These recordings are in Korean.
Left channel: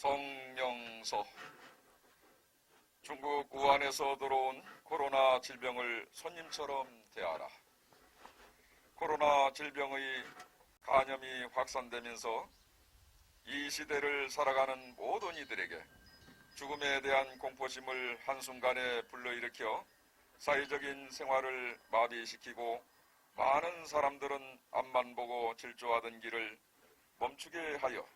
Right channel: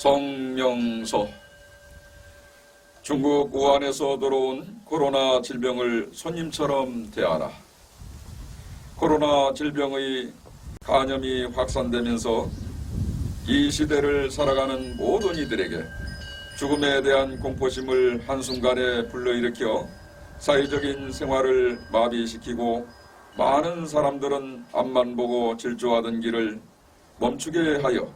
성명서. 중국 우한에서 들어온 코로나 질병을 손님처럼 대하라. 코로나 질병의 감염이 확산되면서 이 시대를 살아가는 모든 이들에게 죽음에 대한 공포심을 한순간에 불러일으켜 사회적인 생활을 마비시키고 많은 사람들은 앞만 보고 질주하던 길을 멈추게 하여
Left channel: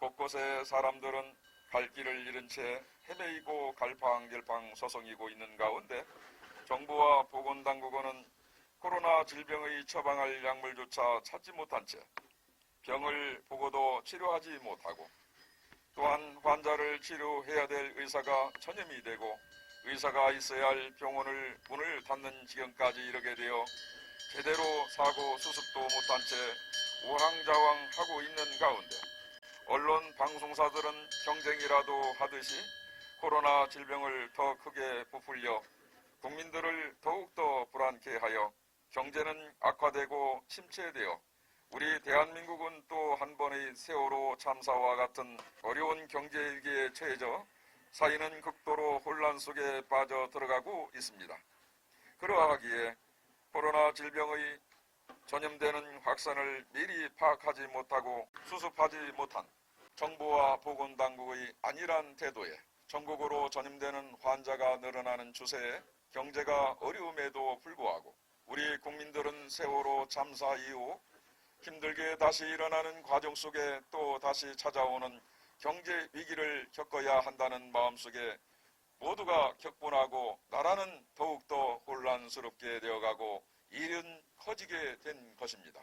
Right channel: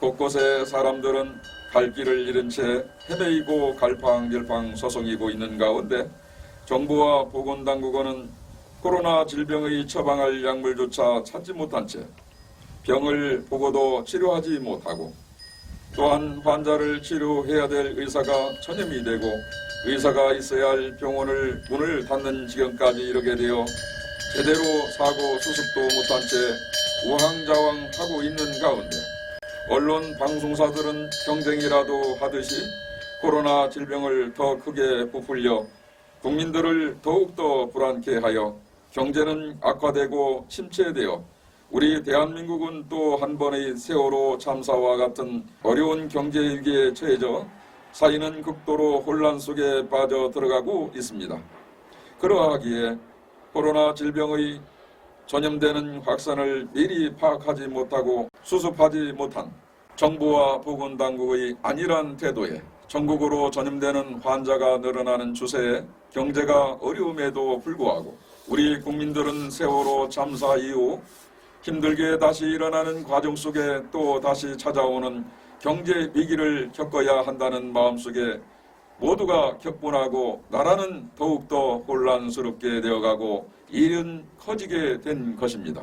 곳곳에 사람들은 갈 길을 잃은 채 헤매이고 갈팡질팡 소송이고 있는 가운데 정부와 보건당국은 코로나 질병의 처방할 약물조차 찾지 못한 채 병을 보고도 치료하지 못하고 또한 환자를 치료해야 될 의사가 전염이 되고 의사가 있어야 할 병원을 문을 닫는 지경까지 이르게 되어 제대로 사고 수습도 못한 채 우왕좌왕하고 있는 가운데 언론 방송사들은 경쟁이라도 하듯이 코로나 질병을 더 크게 부풀려 국민들을 더욱더 불안케 하여 경제는 악화되고 침체되어 우리 대한민국은 또 한 번의 세월호 참사와 같은 어려운 경제위기에 처해져 사회는 극도로 혼란 속에 빠져 들어가고 있습니다. 그러하기에 코로나 질병의 전염되는 확산을 미리 파악하지 못하고 수습하지 못한 정부와 보건당국의 안일한 태도에 전국으로 전염되는 환자가 늘어나는 추세에 경제가 어려움에도 불구하고 우리 국민들은 세월호 참사 이후 힘들게 다시 일어나는 과정 속에 또 다시 찾아오는 경제 위기를 겪어야 한다는 마음속에 모두가 격분하고 나라는 더욱더 혼란스럽게 되어가고 일은 커지게 된 것입니다.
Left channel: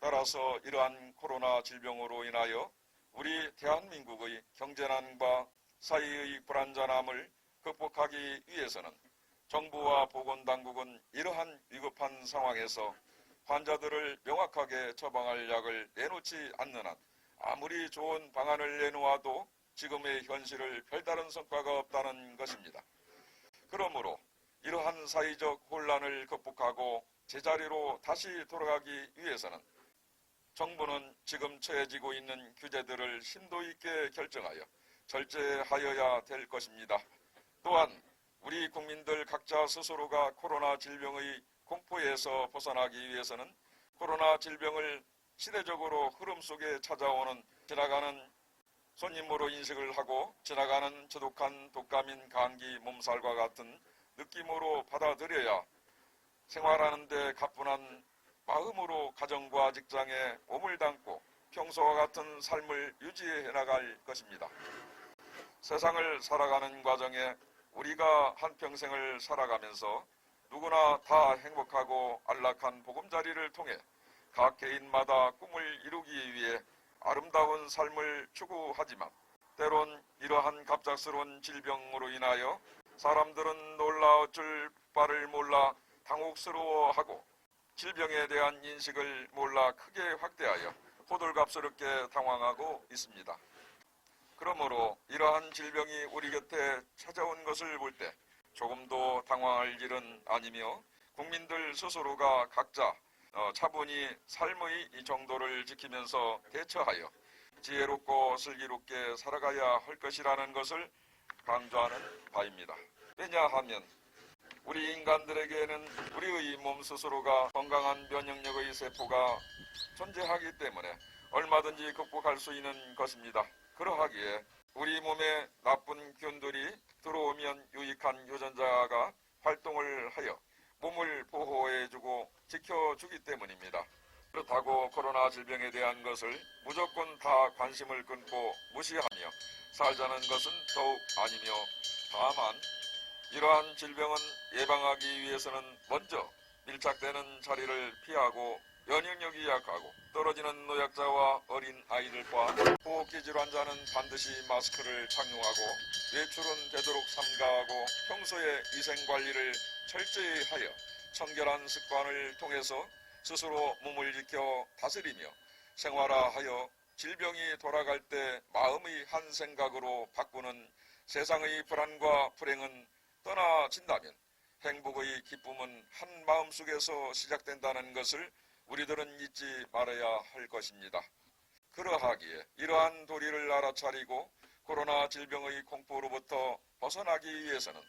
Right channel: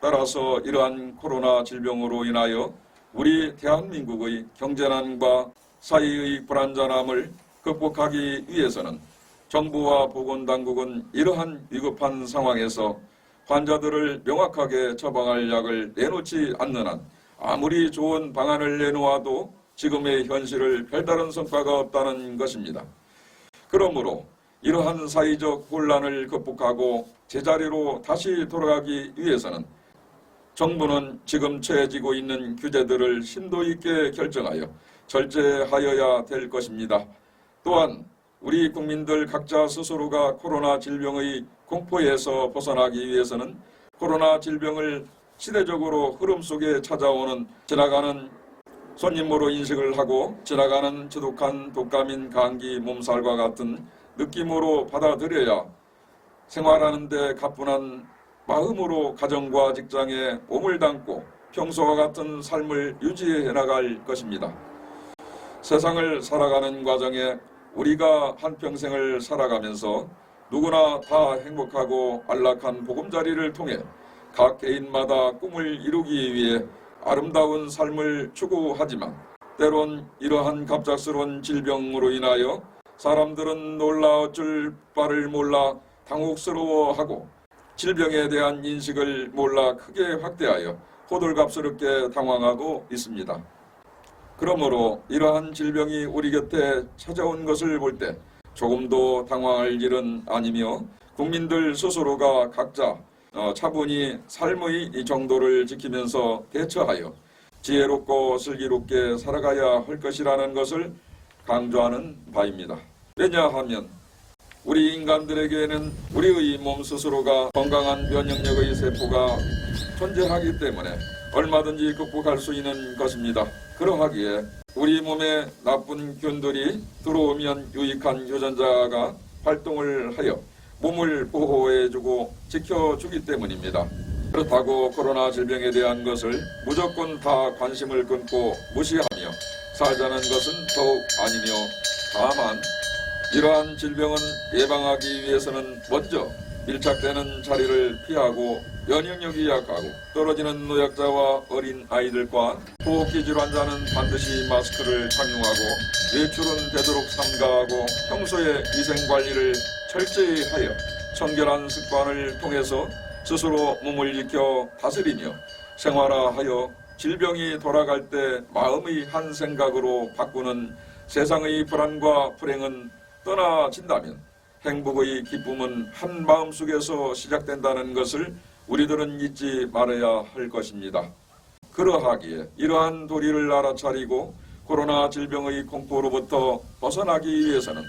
따라서 이러한 코로나 질병으로 인하여 우리 대한민국의 경제난과 사회의 불안전함을 극복하기 위해서는 정부와 보건당국은 이러한 위급한 상황에서 환자들을 명확하게 처방할 약을 내놓지 않는 한 아무리 좋은 방안을 내놓아도 지금의 현실을 별다른 성과가 없다는 것입니다. 그러므로 이러한 사회적 혼란을 극복하고 제자리로 다시 돌아가기 위해서는 정부는 지금 처해지고 있는 규제들을 심도 있게 결정하여 절제하여야 될 것입니다. 또한 우리 국민들 각자 스스로가 코로나 질병의 공포에서 벗어나기 위해서는 코로나 질병을 시대적으로 흐름 속에 찾아오는 지나가는 손님으로 인식을 하고 지나가는 지독한 독감인 감기 몸살과 같은 느낌으로 받아들여야 생활하는 데 가뿐한 마음으로 가정과 직장에 몸을 담고 평소와 같은 삶을 유지해 나갈 것입니다. 세상을 살아가는 과정에 우리가 한평생을 살아가면서 누구나 다 행복하고 안락한 보금자리를 통해 각 개인마다 꿈을 이루기 위해 아름다운 삶을 추구하지만 때론 이러한 갑작스러운 질병으로 인하여 사람들은 놀라 어쩔 바를 몰라 당혹스러워하고 질병에 대한 인식을 몰라 크게 확대하여 호들갑스럽게 당황하고 있습니다. 그러므로 이러한 질병이 우리 곁에 찾아온 것을 볼 때 조금도 당황할 일은 아니며 국민들 스스로가 각자 차분히 삶의 이 정도를 지키면서 대처하여 지혜롭고 슬기롭게 살아가야 할 것이라는 것을 강조하는 바입니다. 왜냐하면 우리 인간들에게는 우리의 몸 스스로가 건강한 면역력의 세포가 존재하기 때문에 얼마든지 극복할 수 있는 것입니다. 그러하기에 우리 몸에 나쁜 균들이 들어오면 유익한 유전자가 활동을 하여 몸을 보호해주고 지켜주기 때문입니다. 그렇다고 코로나 질병에 대한 것을 무조건 다 관심을 끊고 무시하며 살자는 것은 더욱 아니며 다만 이러한 질병은 예방하기 위해서는 먼저 밀착되는 자리를 피하고 면역력이 약하고 떨어지는 노약자와 어린 아이들과 호흡기 질환자는 반드시 마스크를 착용하고 외출은 되도록 삼가하고 평소에 위생관리를 철저히 하여 청결한 습관을 통해서 스스로 몸을 지켜 다스리며 생활화하여 질병이 돌아갈 때 마음의 한 생각으로 바꾸는 세상의 불안과 불행은 떠나진다면 행복의 기쁨은 한 마음속에서 시작된다는 것을 우리들은 잊지 말아야 할 것입니다. 그러하기에 이러한 도리를 알아차리고 코로나 질병의 공포로부터 벗어나기 위해서는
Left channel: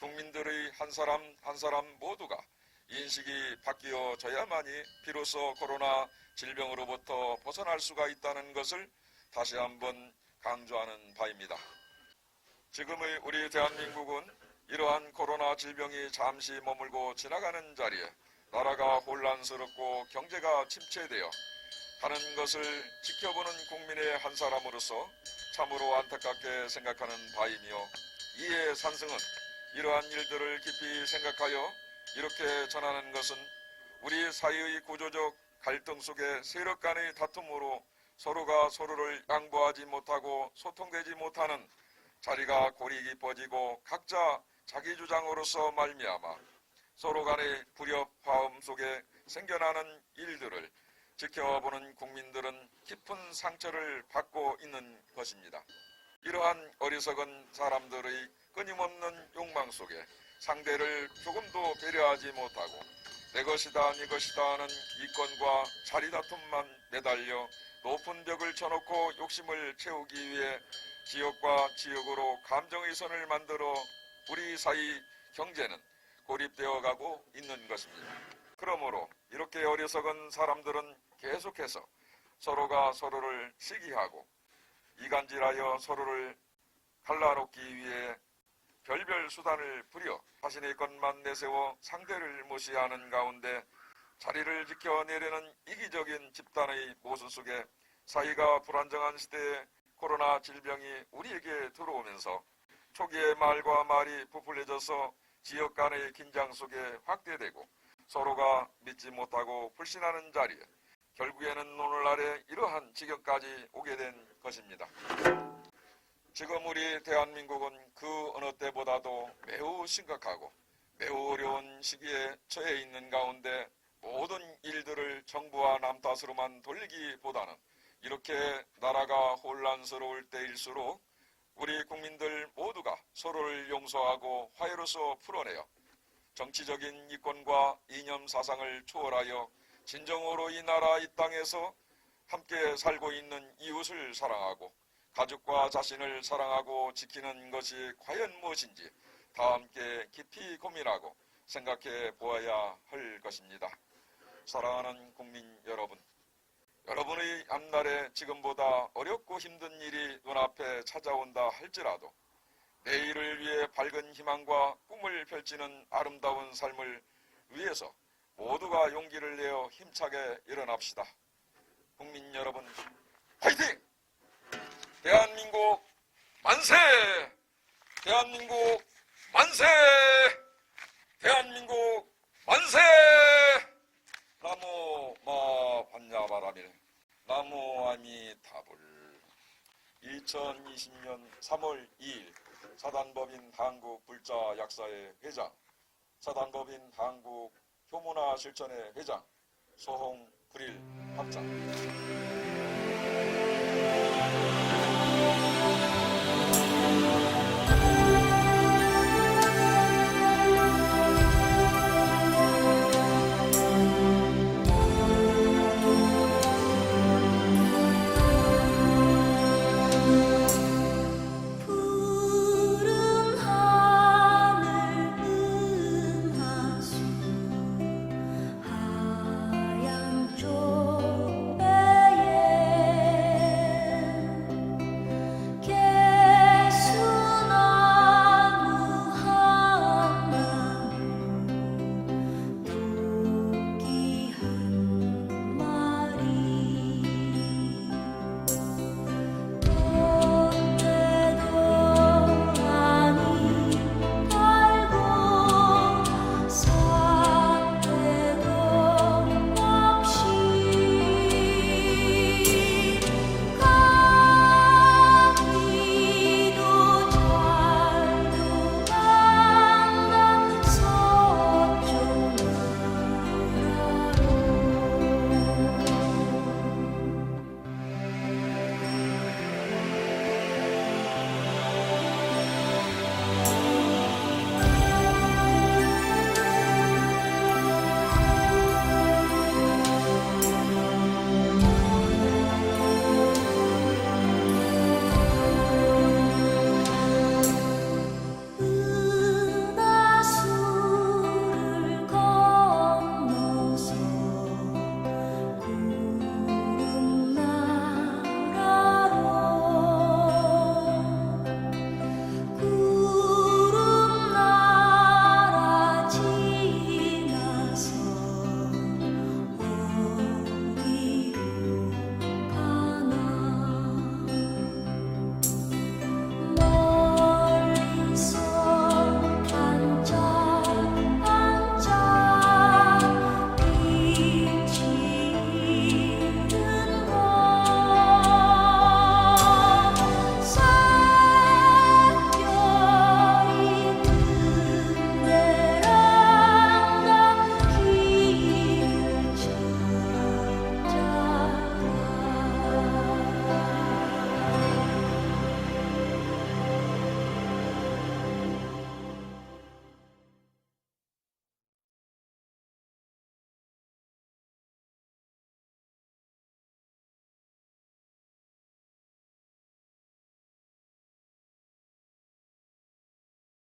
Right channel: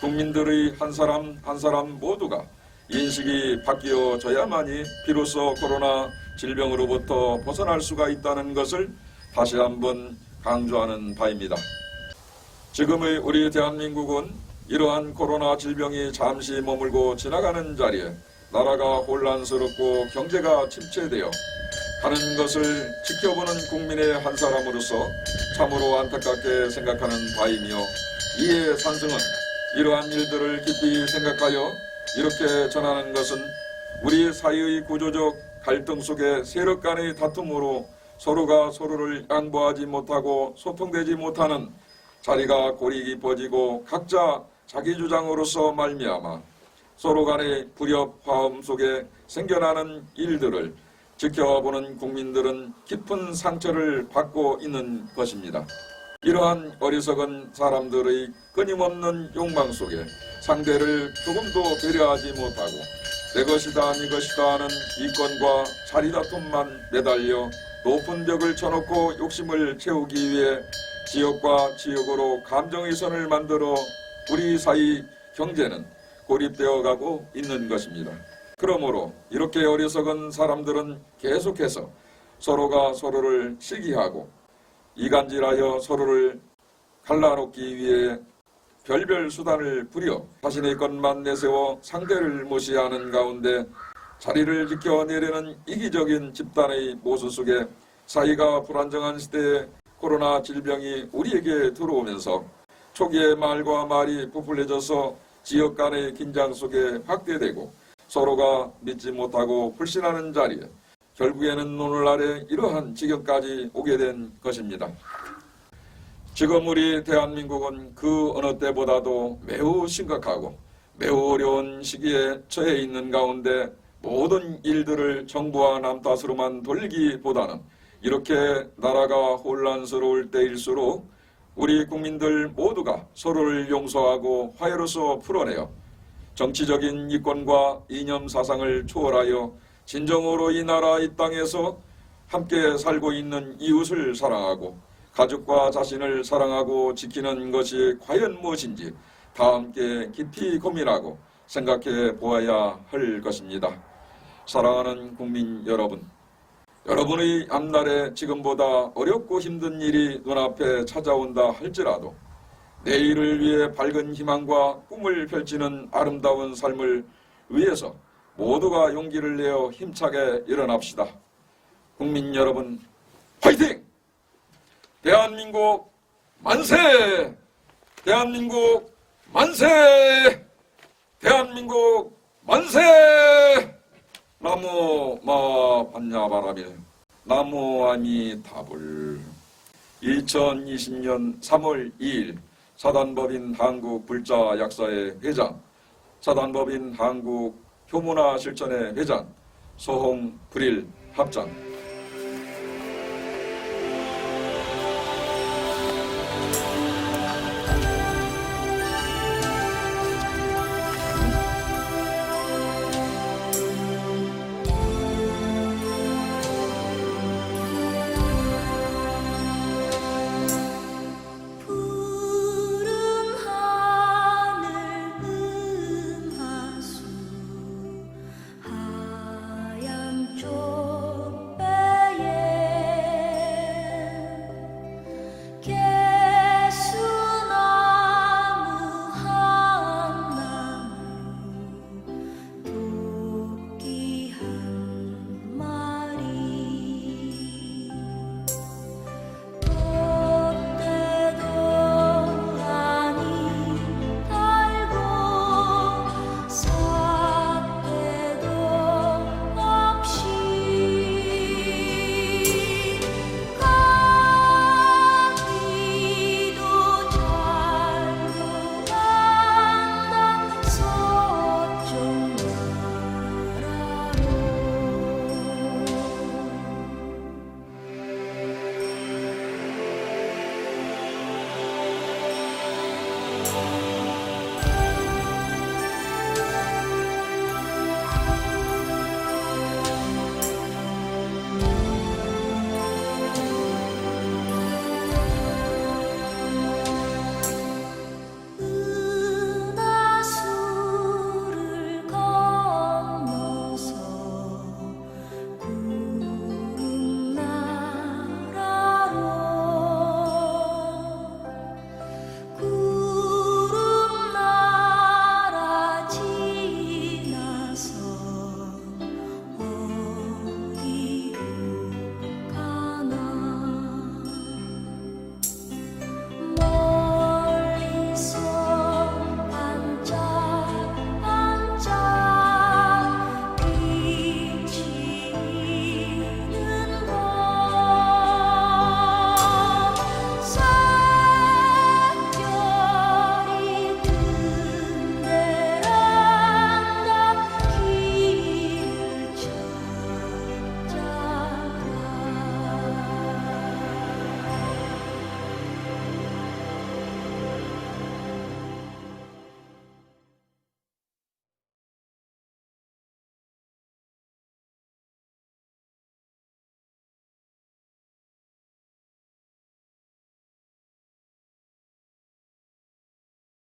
국민들의 한 사람 한 사람 모두가 인식이 바뀌어져야만이 비로소 코로나 질병으로부터 벗어날 수가 있다는 것을 다시 한번 강조하는 바입니다. 지금의 우리 대한민국은 이러한 코로나 질병이 잠시 머물고 지나가는 자리에 나라가 혼란스럽고 경제가 침체되어 가는 것을 지켜보는 국민의 한 사람으로서 참으로 안타깝게 생각하는 바이며, 이에 산성은 이러한 일들을 깊이 생각하여 이렇게 전하는 것은 우리 사회의 구조적 갈등 속에 세력 간의 다툼으로 서로가 서로를 양보하지 못하고 소통되지 못하는 자리가 골이 깊어지고 각자 자기 주장으로서 말미암아 서로 간의 불협 화음 속에 생겨나는 일들을 지켜보는 국민들은 깊은 상처를 받고 있는 것입니다. 이러한 어리석은 사람들의 끊임없는 욕망 속에 상대를 조금도 배려하지 못하고 내 것이다 네 것이다 하는 이권과 자리 다툼만 매달려 높은 벽을 쳐놓고 욕심을 채우기 위해 지역과 지역으로 감정의 선을 만들어 우리 사이 경제는 고립되어 가고 있는 것입니다. 그러므로 이렇게 어리석은 사람들은 계속해서 서로가 서로를 시기하고 이간질하여 서로를 갈라놓기 위해 별별 수단을 부려 자신의 것만 내세워 상대를 무시하는 가운데 자리를 지켜내려는 이기적인 집단의 모습 속에 사회가 불안정한 시대에 코로나 질병이 우리에게 들어오면서 초기에 말과 말이 부풀려져서 지역 간의 긴장 속에 확대되고 서로가 믿지 못하고 불신하는 자리에 결국에는 오늘 아래 이러한 지경까지 오게 된 것입니다. 지금 우리 대한민국은 그 어느 때보다도 매우 심각하고 매우 어려운 시기에 처해 있는 가운데 모든 일들을 정부와 남 탓으로만 돌리기보다는 이렇게 나라가 혼란스러울 때일수록 우리 국민들 모두가 서로를 용서하고 화해로서 풀어내어 정치적인 이권과 이념 사상을 초월하여 진정으로 이 나라 이 땅에서 함께 살고 있는 이웃을 사랑하고 가족과 자신을 사랑하고 지키는 것이 과연 무엇인지 다 함께 깊이 고민하고 생각해 보아야 할 것입니다. 사랑하는 국민 여러분, 여러분의 앞날에 지금보다 어렵고 힘든 일이 눈앞에 찾아온다 할지라도 내일을 위해 밝은 희망과 꿈을 펼치는 아름다운 삶을 위해서 모두가 용기를 내어 힘차게 일어납시다. 국민 여러분, 화이팅! 대한민국 만세! 대한민국 만세! 대한민국 만세! 나무 마 반야바라밀 나무 아미타불. 2020년 3월 2일 사단법인 한국불자 약사회 회장, 사단법인 한국 효문화 실천회 회장, 소홍 불일 합장.